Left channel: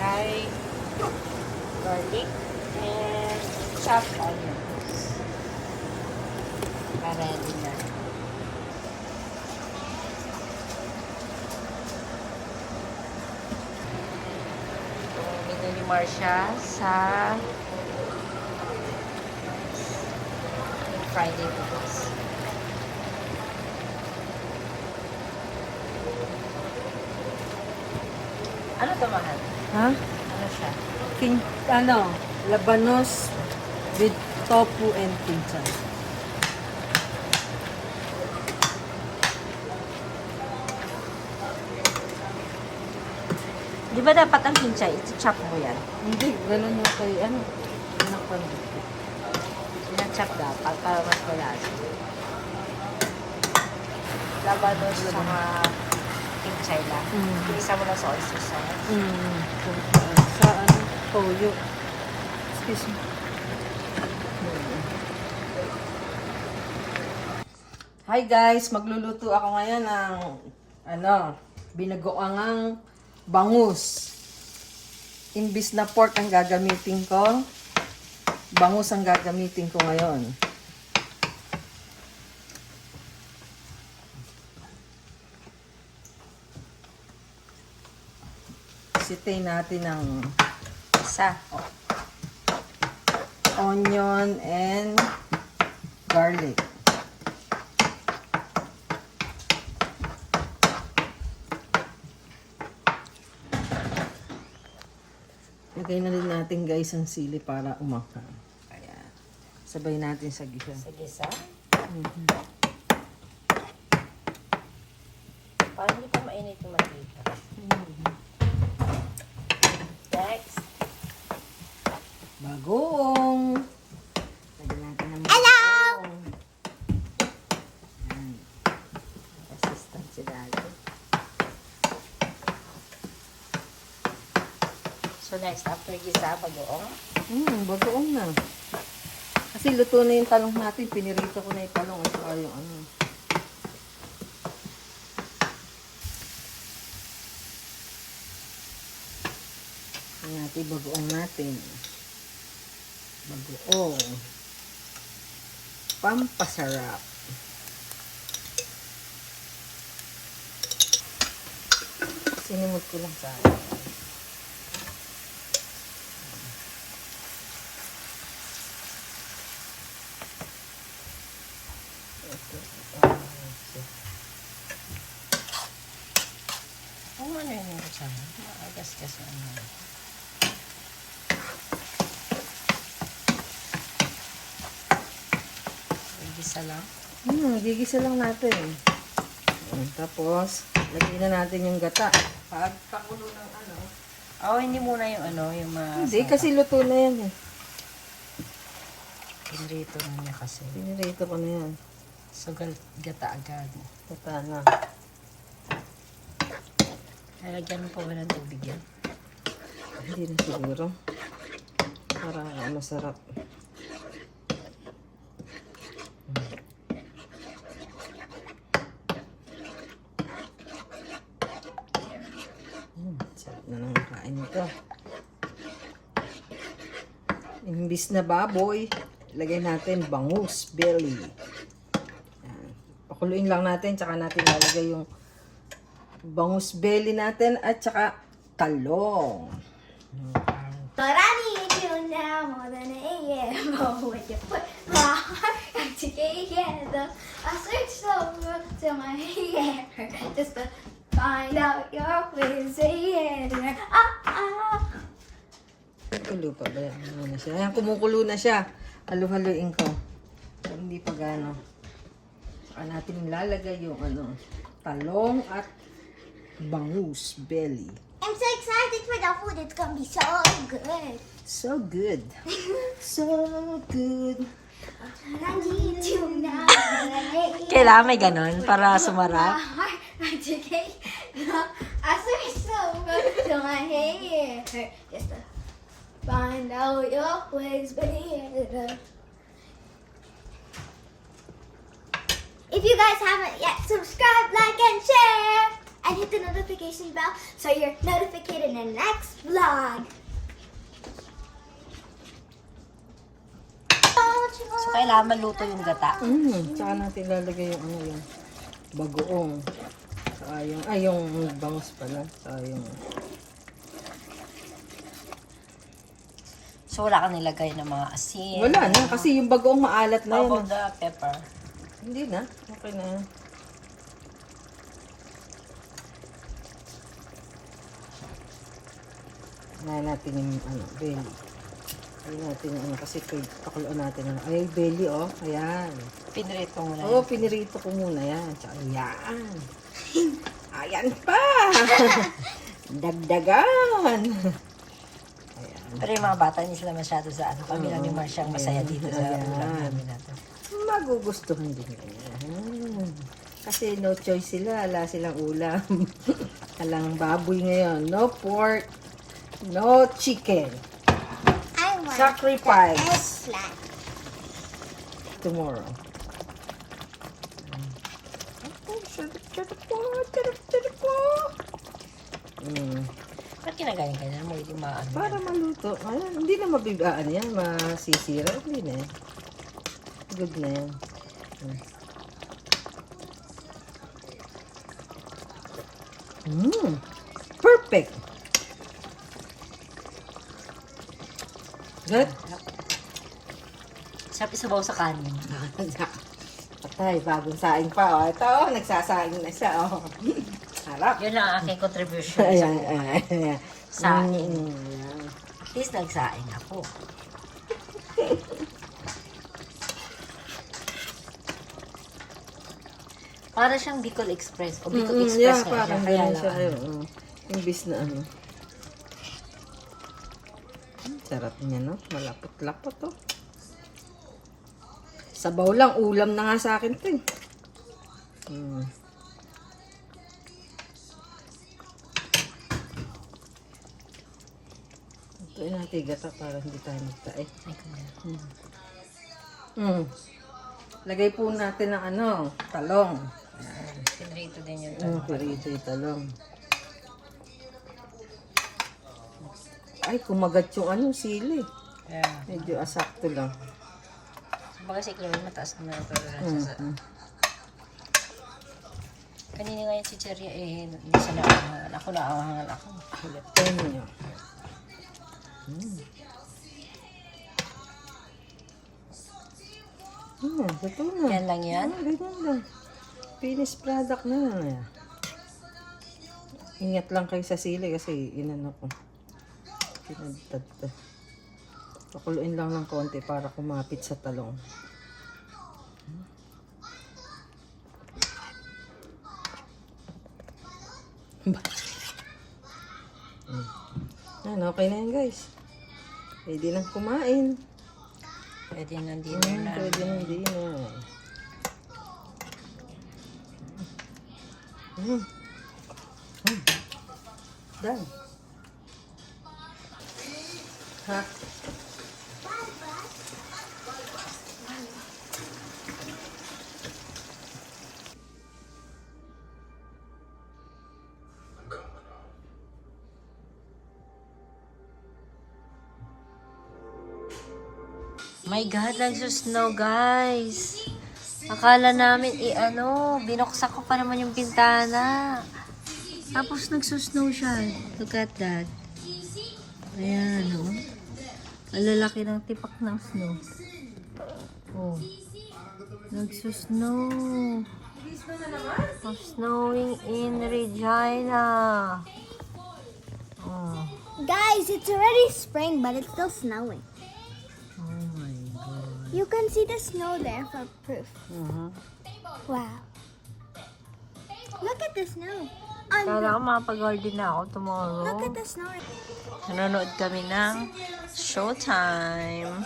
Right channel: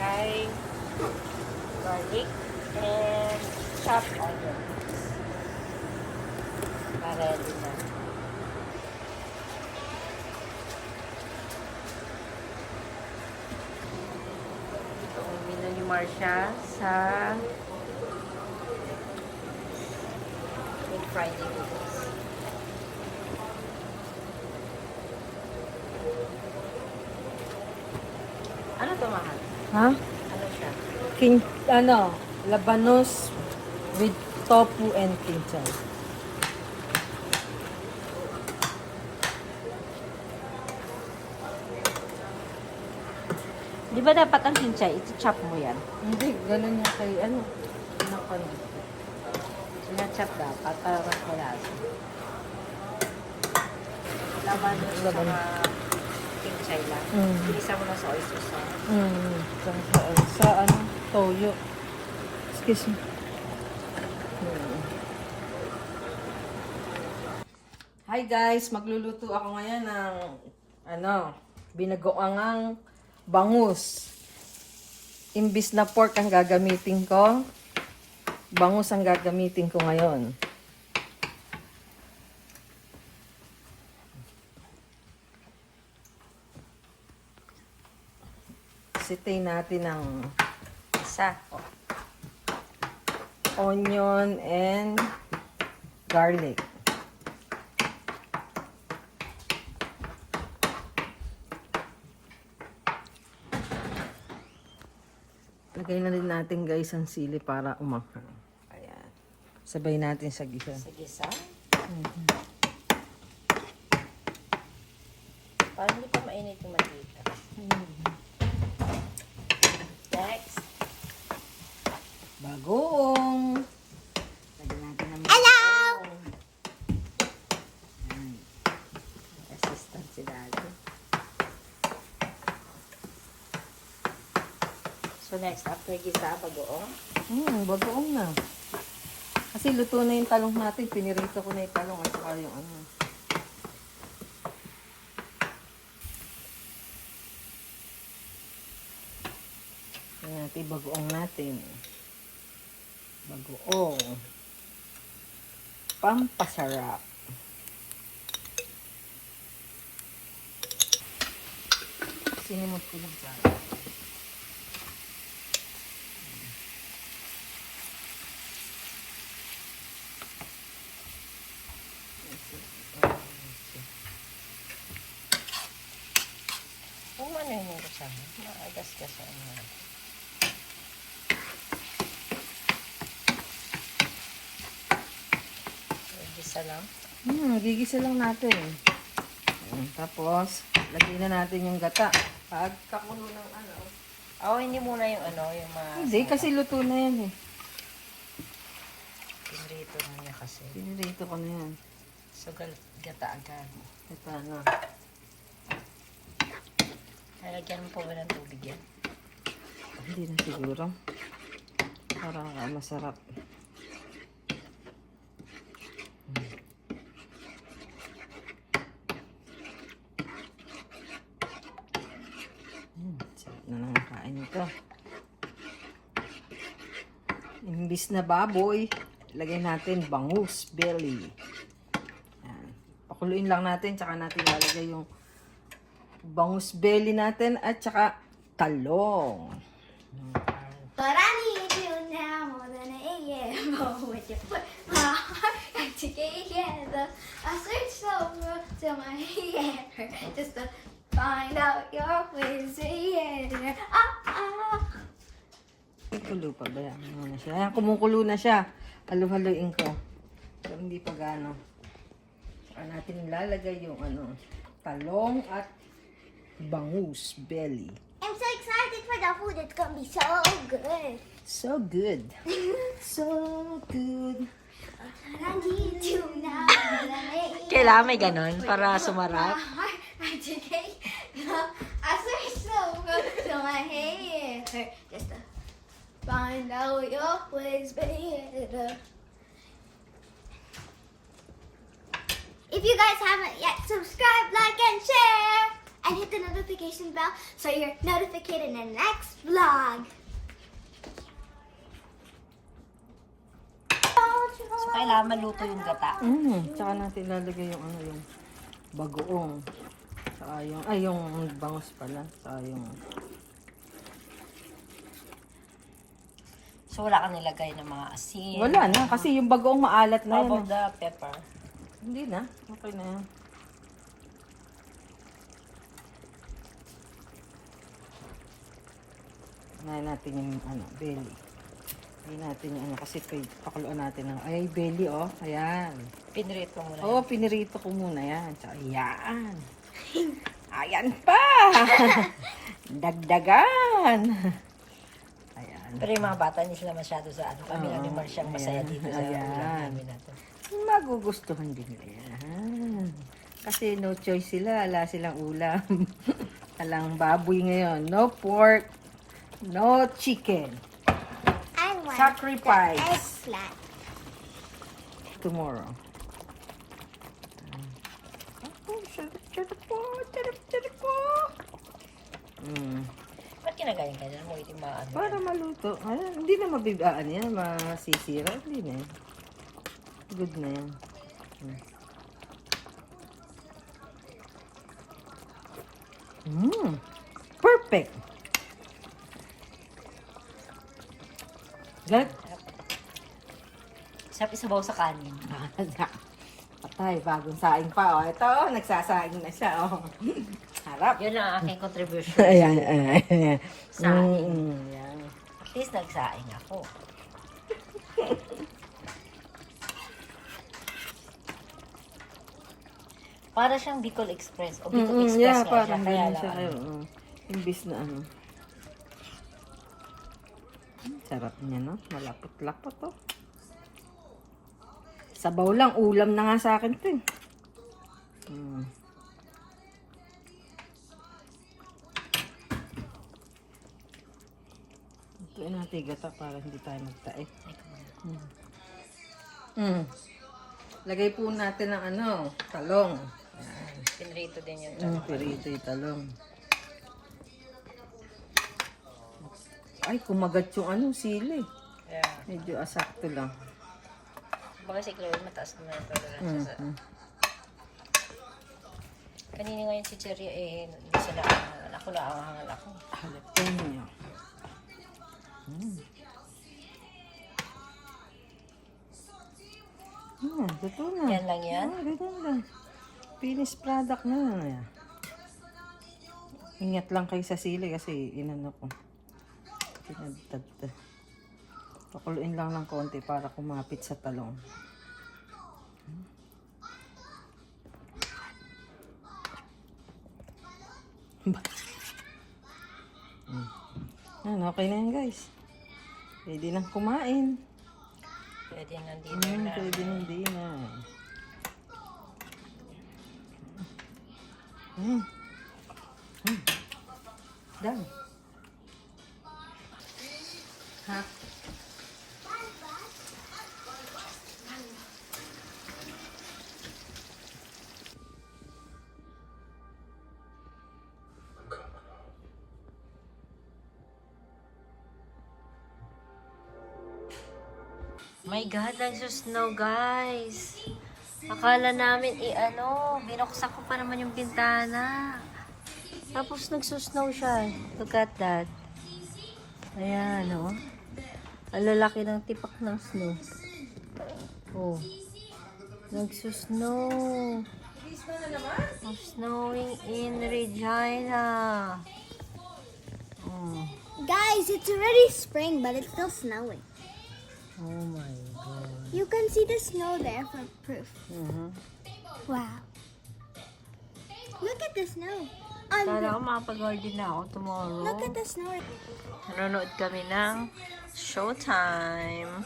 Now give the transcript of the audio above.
kinchay, garlic, and chopped onions. Ready na. Minimar siya sa Friday bukas. Ano to, mahal? Ha? Ano siya? Labanos with tofu and kinchay. Di ba dapat ang kinchay, iti-chop mo yan? Hindi, ganun yung kay, anak ko na. Sinachop dapat para mas malasa. Labanos sa mga kinchay lang. Pinisa mo lang sa oyster sauce. Sa toyo. Excuse me. Hi guys, magluluto ako ngayon ng binagoangang bangus. Imbis na pork ang gagamitin ko, bangus ang gagamitin ko ngayon. Sitay natin ng Isa. onion and garlic. Lagay na rin natin guys ang sili para umaka. Ayan. Sabay natin sa gisa. Sige, sa. Parang hindi pa mainit yung mantika. Next. Bagoong. Lagyan natin ng bagoong. Hello! Ayan. Assistant si Daddy. So next, after gisa, bagoong. Bagoong na. Kasi luto na yung talong natin. Pinirito ko na yung talong. At saka yung Ayan natin, bagoong natin. Bagoong. Pampasarap. Sinimot ko lang sa Kung ano yung mga kasama, maagas-gas yung ano. Gisa lang. Gigisa lang natin. Tapos, lagyan na natin yung gata. Pagpakulo ng Hindi muna yung yung Hindi, kasi luto na yan eh. Pinrito na niya kasi. Pinirito ko na yan. So, gata agad. Gata na. Nalagyan mo pa ba ng tubig yan? Hindi na siguro. Para masarap. Sarap na ng kain ito. Imbis na baboy, ilagay natin bangus belly. Ayan. Pakuluin lang natin, tsaka natin lalagay yung bangus belly natin at tsaka talong. But I need you now more than a year. But when you put my heart back together, I search over to my hair just to find out your ways. Kulo pa ba yan? Ano na siya? Ayan, kumukulo na siya. Halu-haluin ko. Pero hindi pa gano. Saka natin lalagay yung talong at bangus belly. I'm so excited for the food. It's gonna be so good. So good. So good. I need you now. Kailangan may ganon para sumarap. I search over to my hair just to find out your ways better. If you guys haven't yet, subscribe, like, and share. and hit the notification bell so you're notified in the next vlog. So, kailangan maluto yung gata. Tsaka natin lalagay yung ano yung bagoong. Tsaka yung bangus pala. Tsaka yung... So, wala kang nilagay ng mga asin. Wala na, kasi yung bagoong maalat na How yan. about the pepper? Hindi na, okay na yan. Ngayon natin yung belly. Ngayon natin yung kasi pakuluan natin. Ay, belly ayan. Pinrito mo na. Oo, pinirito ko muna yan. Tsaka yan. Ayan pa! Dagdagan! Ayan. Pero yung mga bata, hindi sila masyado sa ano. Kami lang yung masyang masaya dito sa Ayan. ulam namin na to. Magugustuhan din yan. Kasi no choice sila. Wala silang ulam. Talang baboy ngayon. No pork. No chicken. I want Sacrifice. flat. Tomorrow. Ba't kinagaling ka dyan? Mo hindi maano. Para maluto. Ayan, hindi na mabibaan yan. Masisira. Hindi na yan. Good na yan. Perfect. Good. Sarap isabaw sa kanin. Patay, bagong saing pa. Ito, nagsasaing na siya. Harap. Yun ang aking contribution sa buhay. Saing. At least nagsaing ako. Para siyang Bicol Express. O Bicol Express Yeah, nga siya. parang Kaya ganun lang. siya kayo. Imbis na ano. Sarap niya, no? Malapot-lapot, oh. Sabaw lang, ulam na nga sa akin, tin. Ito natin gata para hindi tayo magtae. Ay, kumain. Lagay po natin ng ano, talong. Pinrito din yung tanong. Pirito yung talong. Ay, kumagat yung ano, sili. Yeah. Medyo asakto lang. Baga si Chloe, mataas naman ang toleransya sa... Kanina nga yung si Cherry, hindi siya naahangan. Ako naahangan ako. Halapin niyo. Ito na. Yan lang yan? Ganyan lang. Finished product na. Ingat lang kayo sa sili kasi inano ko. Pinagtad to. Pakuluin lang ng konti para kumapit sa talong. Ayan, okay na yun guys. Pwede nang kumain. Pwede ng dinner na. Pwede nang dinner. Done. Ha? My God, nagsusnow guys. Akala namin, binuksan ko pa naman yung pintana. Tapos nagsusnow siya. Look at that. Ayan, oh. Ang lalaki ng tipak ng snow. Oh. Nagsusnow. Snowing in Regina. Oh. Guys, it's already spring, but it's still snowing. Oh my God. You can see the snow there for proof. Wow. Look at the snow. Kala ko makapag-garden na ako tomorrow. Look at the snow. Nanonood kami ng Showtime.